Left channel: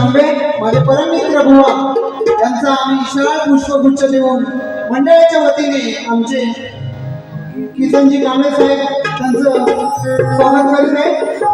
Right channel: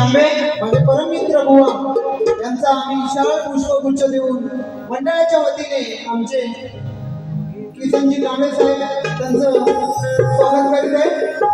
तांबे माझे परममित्र बुवा यांचा आम्ही विशाल पुष्पगुच्छ देऊन मंडळाच्या वतीने आमचे किसनजी कांबळे साहेब त्यांचं स्वागत करीत आहे.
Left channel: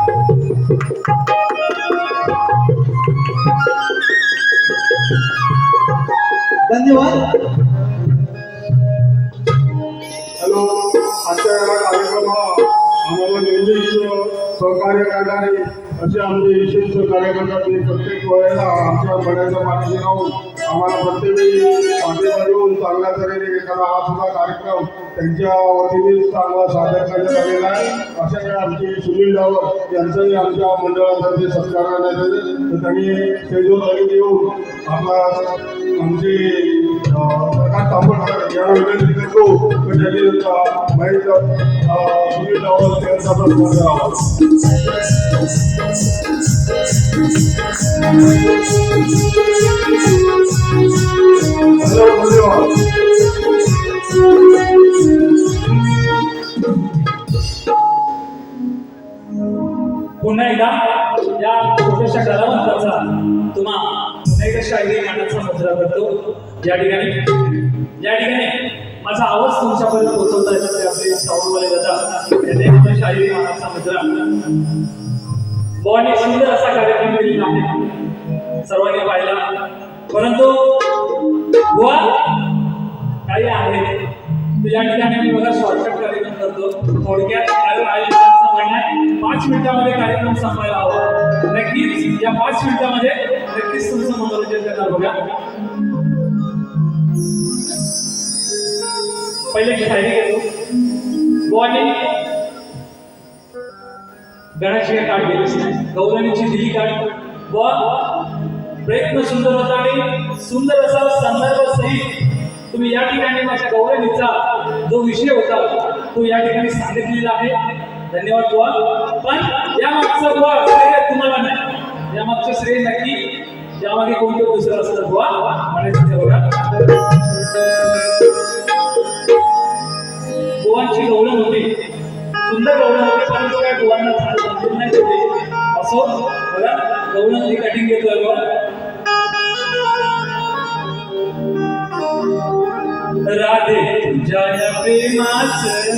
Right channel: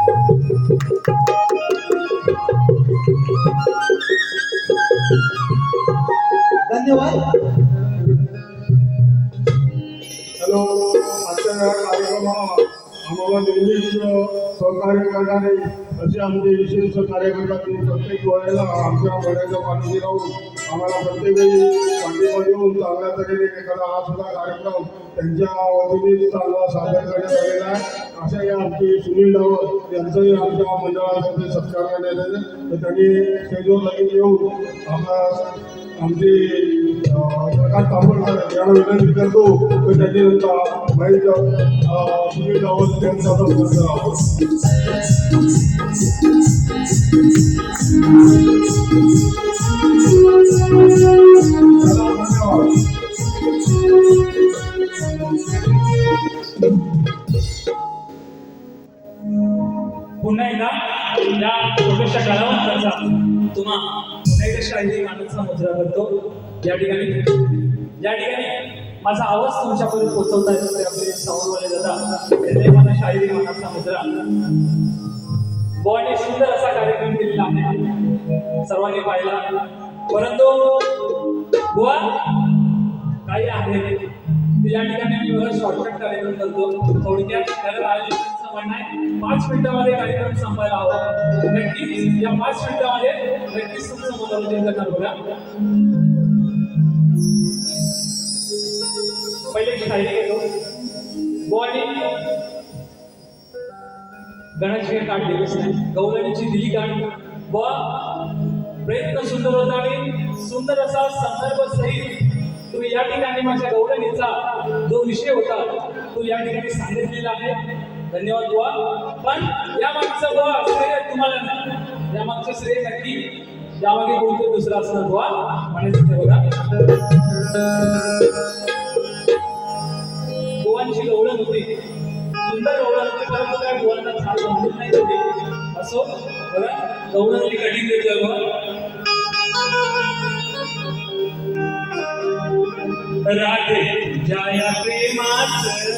असे आमचे विशेष सहकार्य ते प्रत्येक वेळेला आमच्या मनाच्या पाठीशी राहून आम्हाला प्रत्येक वेळी पाठिंबा देऊन चांगल्या तऱ्हेने एखादा हा सुद्धा कार्यक्रम त्यांच्या वतीने चांगला सादर करण्यात आलेला आहे. अशा या आमचे सुनील डावर यांचंही आमच्या मंडळातर्फे सत्कार करण्यात येते तर त्यांनी स्टेजवर लगेच येऊन आपला आमचे తమ్ముడు యాభై వేల టికెట్లు బయట కావాలి काही आहे. या ठिकाणी मी बघा शॉर्टकट कार्यक्रम करतो. थोडक्यात कारण आयोजकांचं म्हणणं आहे पाच मिनिटामध्ये कार्यक्रम संपायला हवा. नक्कीच या पाच मिनिटामध्ये नक्कीच तुमचं मनोरंजन करणार बघा. पहिले शायरी घेतो. बुवाने गणाची काढ गेलीच नाही गौरणीची दिली काढ व प्रयत्न सुंदर होता आणि सुंदर असा संदर्भ सहित तुम्ही या ठिकाणी माझ्या गौरणीचा जो विषय होता तो या ठिकाणी सांगितलेला आहे. धन्यवाद बुवा. पण या मागचा बुवा श्रेय तुम्हाला नाही. या मागचं श्रेय नक्की यामागे कोणतं दुसरं असणार बुवा? म्हणायचं बघा गोवांची गवळण होती. सुंदर गवळण होती परंतु काही गोवांना छान समजून नाही होते. असो बघा गवळण मी कटिंग देतोय बुवा. राधे तुझ्या या प्रेमाचं.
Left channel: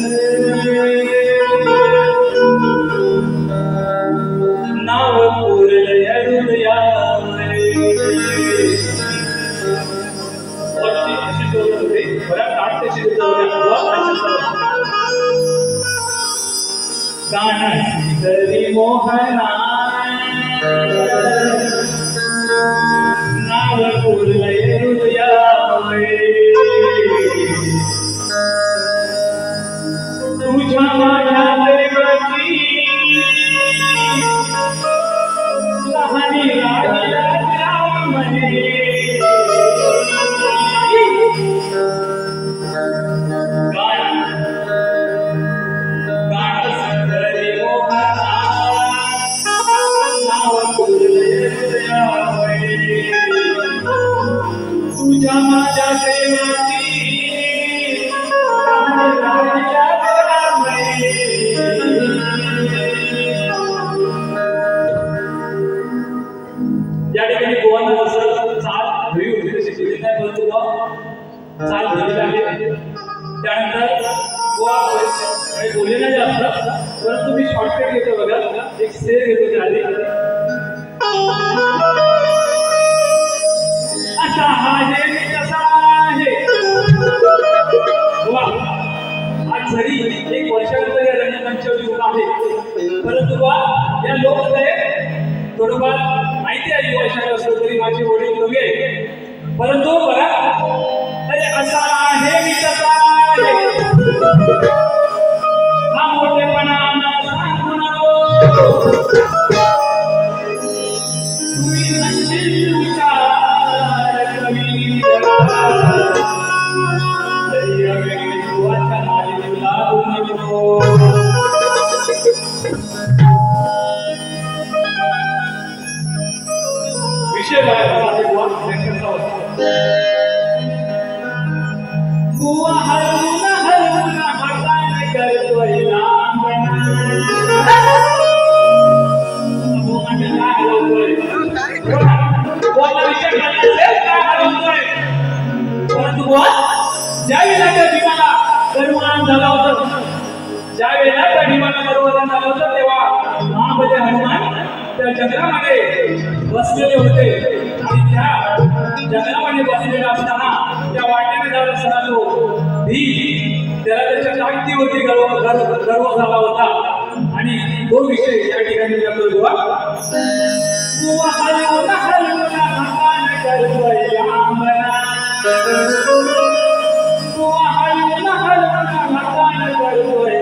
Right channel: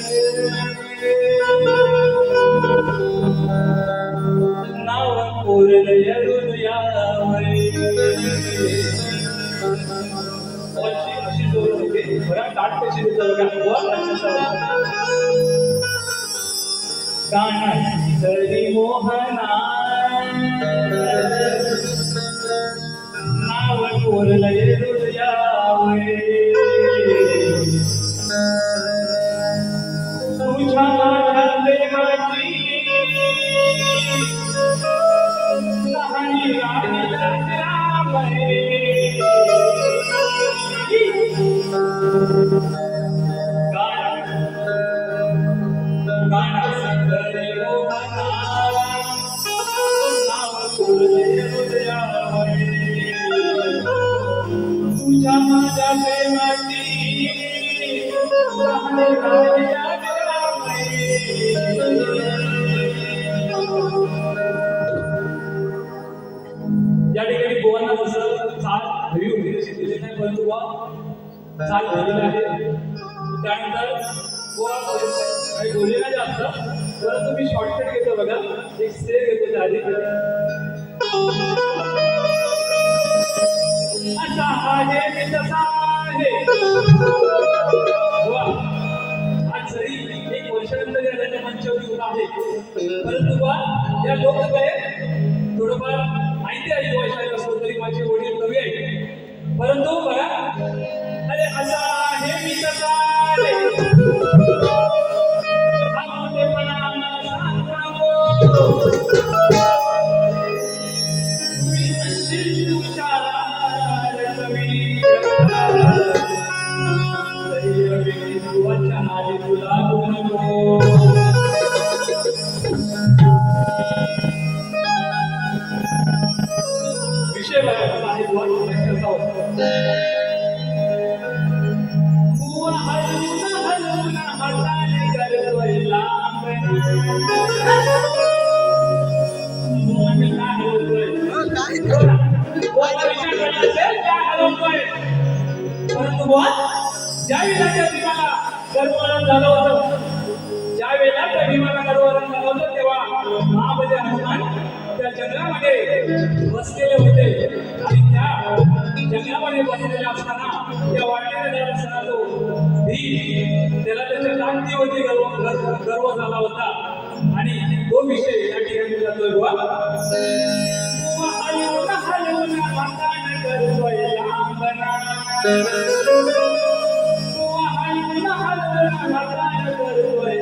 नाव कोरलय हृदयावर तरी मोहना. नाव कोरलय माहिती आली वर्षाला तरी माझे वडील नव्हे. परंतु করে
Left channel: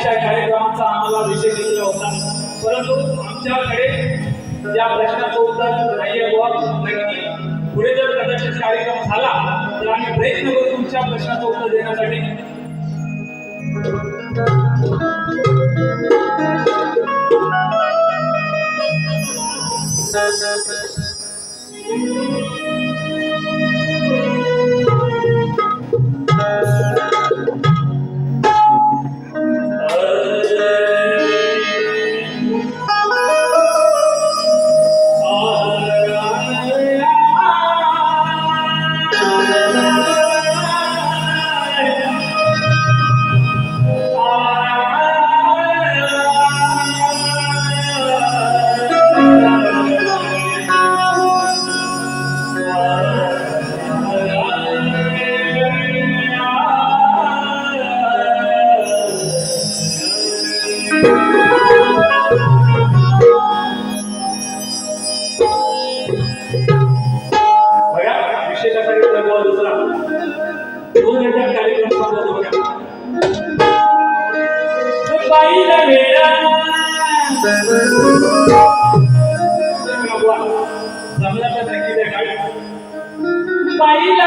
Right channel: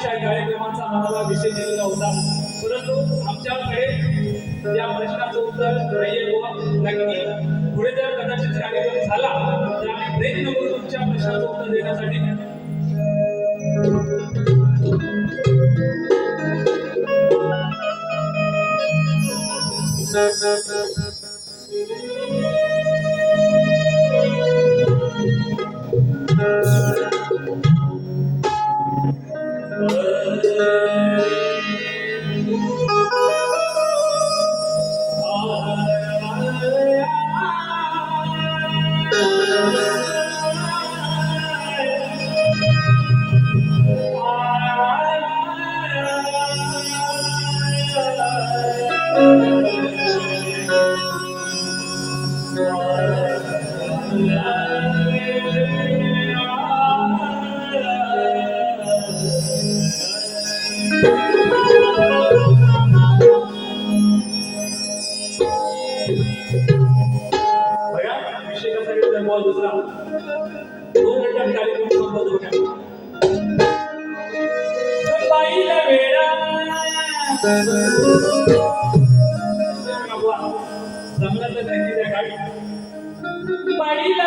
अशा कार्यक्रमाचा आम्हाला विषय दिलेला होता. परंतु आमच्याकडे या प्रश्नाचं उत्तर नाही नक्की पुढे जर कदाचित कार्यक्रम झाला तर आम्ही प्रयत्न करू तुमच्या प्रश्नाचं उत्तर देण्यासाठी. baila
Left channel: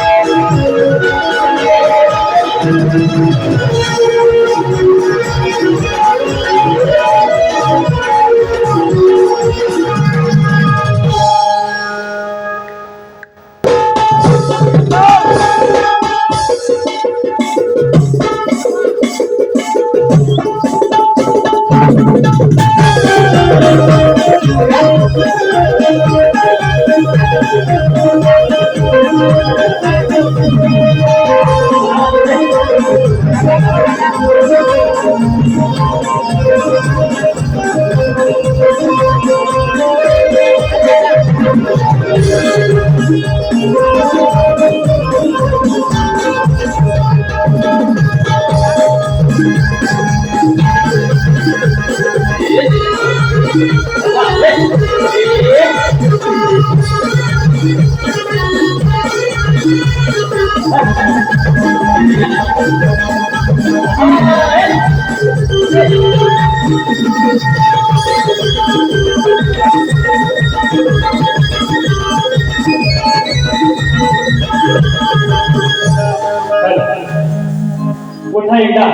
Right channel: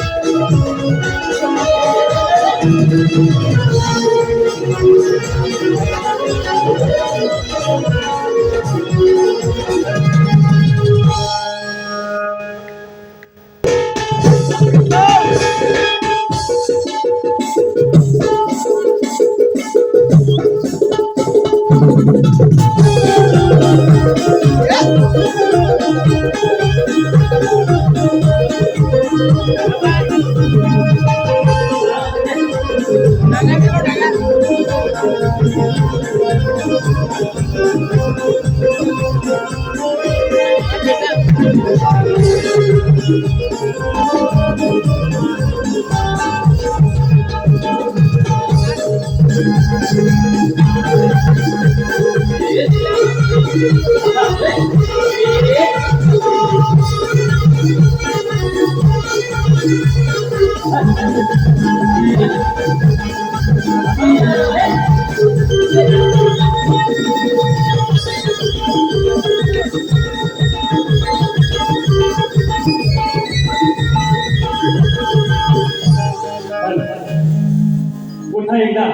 पुन्हा एकदा.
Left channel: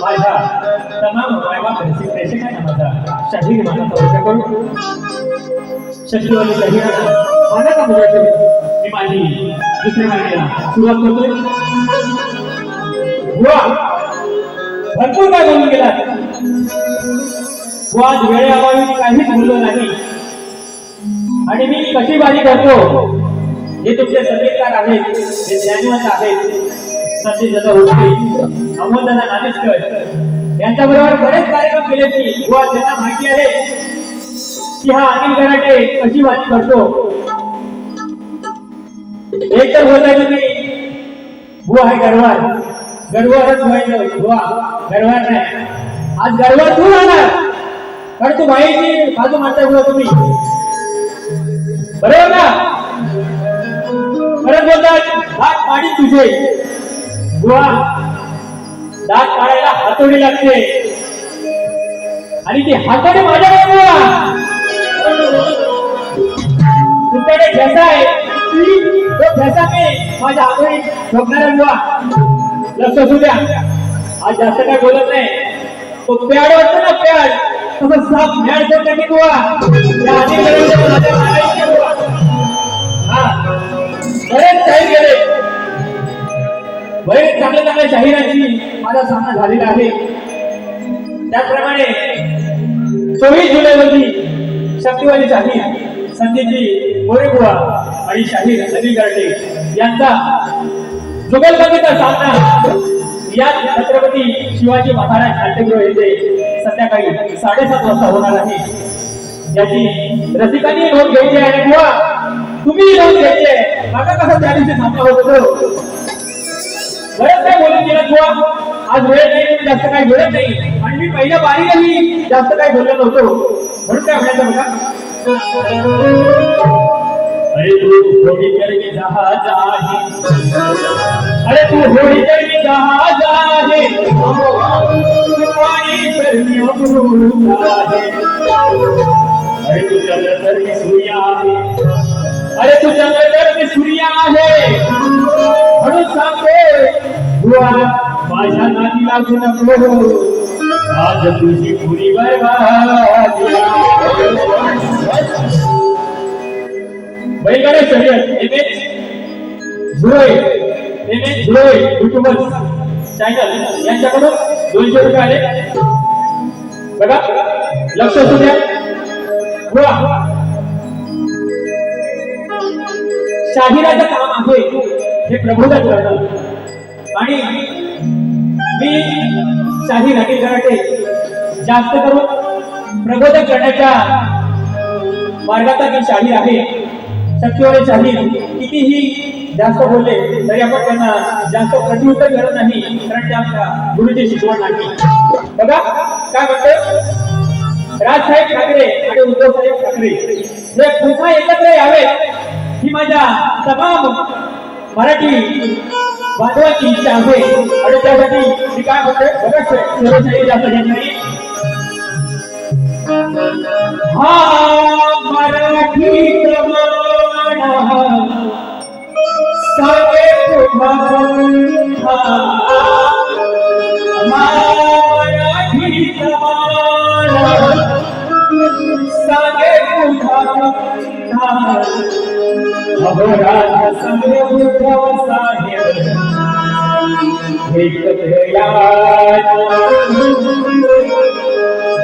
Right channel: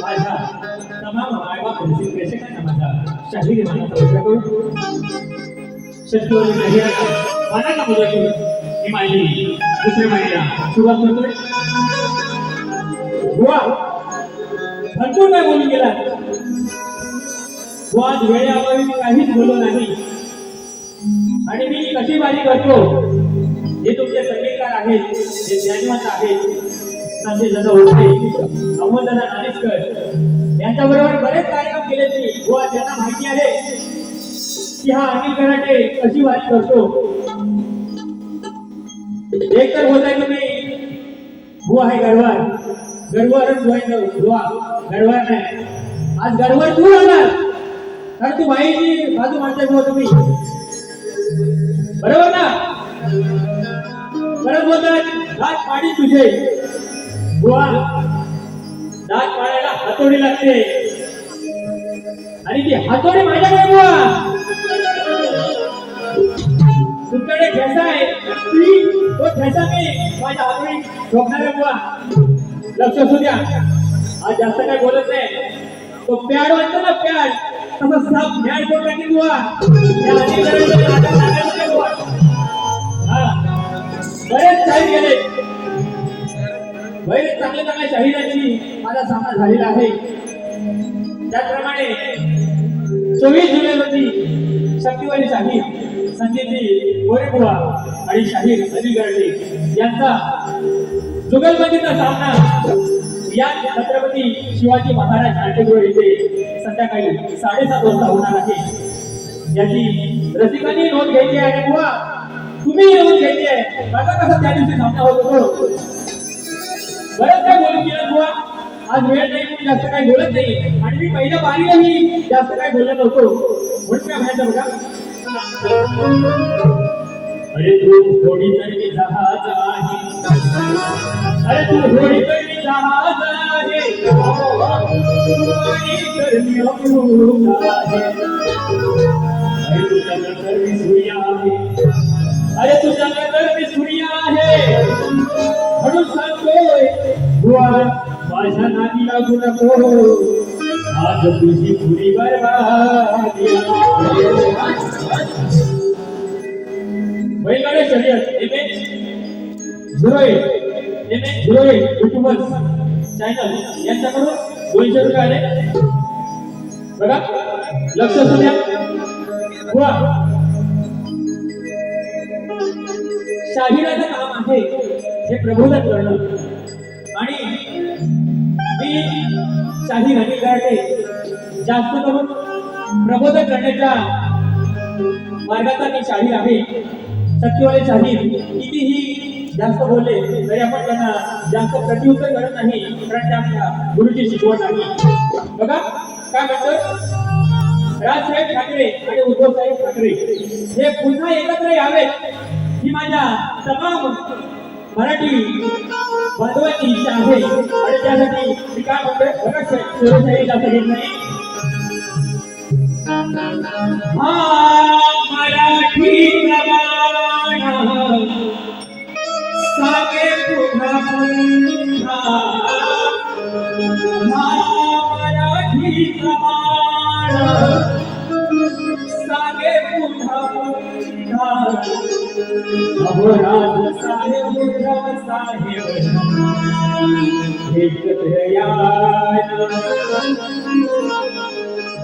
माझ्या तमाम मायबाप रसिक प्रेक्षकांना माझा शाहीर मानाचा वर्ग करून मानाचा मुद्रा करून मी माझी दुसऱ्या माहितीला सुरुवात करतोय. बुवा भरपूर काय बोलून गेला आज वेळेअभावी मी काहीच बोललो नाही. आणि मी कशी बाजी करतो? हे तुमचे संगीतकार आहेत. हे ज्ञानवंत आहेत. संजय दादा होते. अमोल दादा नाणेशकर यांच्याबरोबर बरेच कार्यक्रम केले की बुवा त्यांना माहिती आहे. की हा अनिल गराटे कशी बाजी करतो? एक तर बोलताय तुम्ही. बुवा आहे गरवार. गरवारच व्हायचं. बुवा गरवार नाही. आज गरवार तू राहणार कारण तू बाईची बाजू मारताय बुवा तुम्ही. बरोबर ना परत बोलतात हात पाडी तुझे. बुवा दात पाडायला हातोडी लागते. आणि ती हातोडी माझ्याकडे बुवा. तुमच्याकडे ठेसा आहे. तो ठेसा मी माझ्या हातोडी ठोकणार लक्ष असू द्या. आज जास्त काय बोलत नाही. तो प्याड वाटतो ना प्याड. तसं साप म्याड करून टाकेल बुवा. त्या हा. बरेच काही गेले बरेच चांगल्या चांगल्या शाहिरांची माझा सामना झालेला आहे. त्याचप्रमाणे चोवीस जुलै रोजी शक्तिवादी शाहीर संदीपजी मोरेबुवा आणि शाहीर अनिल गर्डे यांचा जुगलबंदीचा सामना या छत्रपती शिवाजी महाराज नाट्यगृह येथे संध्याकाळी साडेसात वाजता होणार आहे. याची रसिकांनी नोंद घ्यायची आहे. किंवा तुम्ही नोंद घ्यायची आहे. बघा कसा त्या दिवशी सामना होत होतो? बरंच काय बोलून गेलं किंवा आज वेळ नाही म्हणून जास्त काही बोलत नाही. आणि मी पहिल्या बारीलाही जास्त काही बोलत नव्हतो. म्हणून काय म्हणायचं बघा? अरे तू होडी करके मी जहाज आहे. अरे तू होडी करके मी जहाज आहे. पाणी करनी मी अमृत आहे. अरे तू चंद्र की मी सूर्य आहे. अरे तू चंद्र की मी सूर्य आहे. म्हणून सांगते बुवा माझ्या नाती लागू नको. आज तुझी पुरी बरबाद बैलगाड्या शर्यत एम एच झुरळ एम एच झुरळ युट्यूबर्स. चॅनल यांच्याकडून दोनशे रुपये आले. बघा. लक्ष असू द्या. शाहिराचं काम आहे हे प्रबोधन करणं आणि मी शाहीर अनिल गराटे जास्त करून प्रबोधन करण्याच्या मार्गाचा मी शाहीर आहे. सत्यवाले शाहीर कितीही जास्त बोलले तरी आपण त्यांना जास्त प्रतिउत्तर करत नाही कारण ते आमच्या गुरुची शिकवण नाही. बघा काय म्हणते राजसाहेब ठाकरे आणि उद्धव साहेब ठाकरे हे पुन्हा एकत्र यावेत ही माझ्या तमाम मराठी बांधवाची इच्छा आहे. आणि त्यासाठी मी काय म्हणतोय? बघा सर्वशाही जास्त घेत नाही. हा मराठी राजा साहेब उद्धव साहेब एकत्र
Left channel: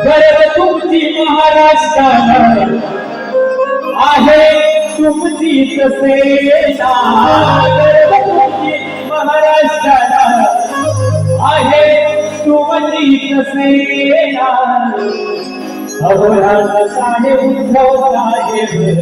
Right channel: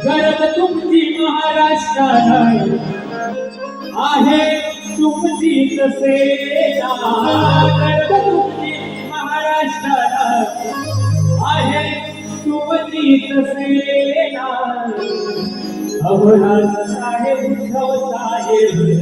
गर्व तुमची महाराष्ट्राला आहे. तुमची तसे गर्व तुमची महाराष्ट्राला आहे तुमची तसे अहो राजा साहेब उद्धव साहेब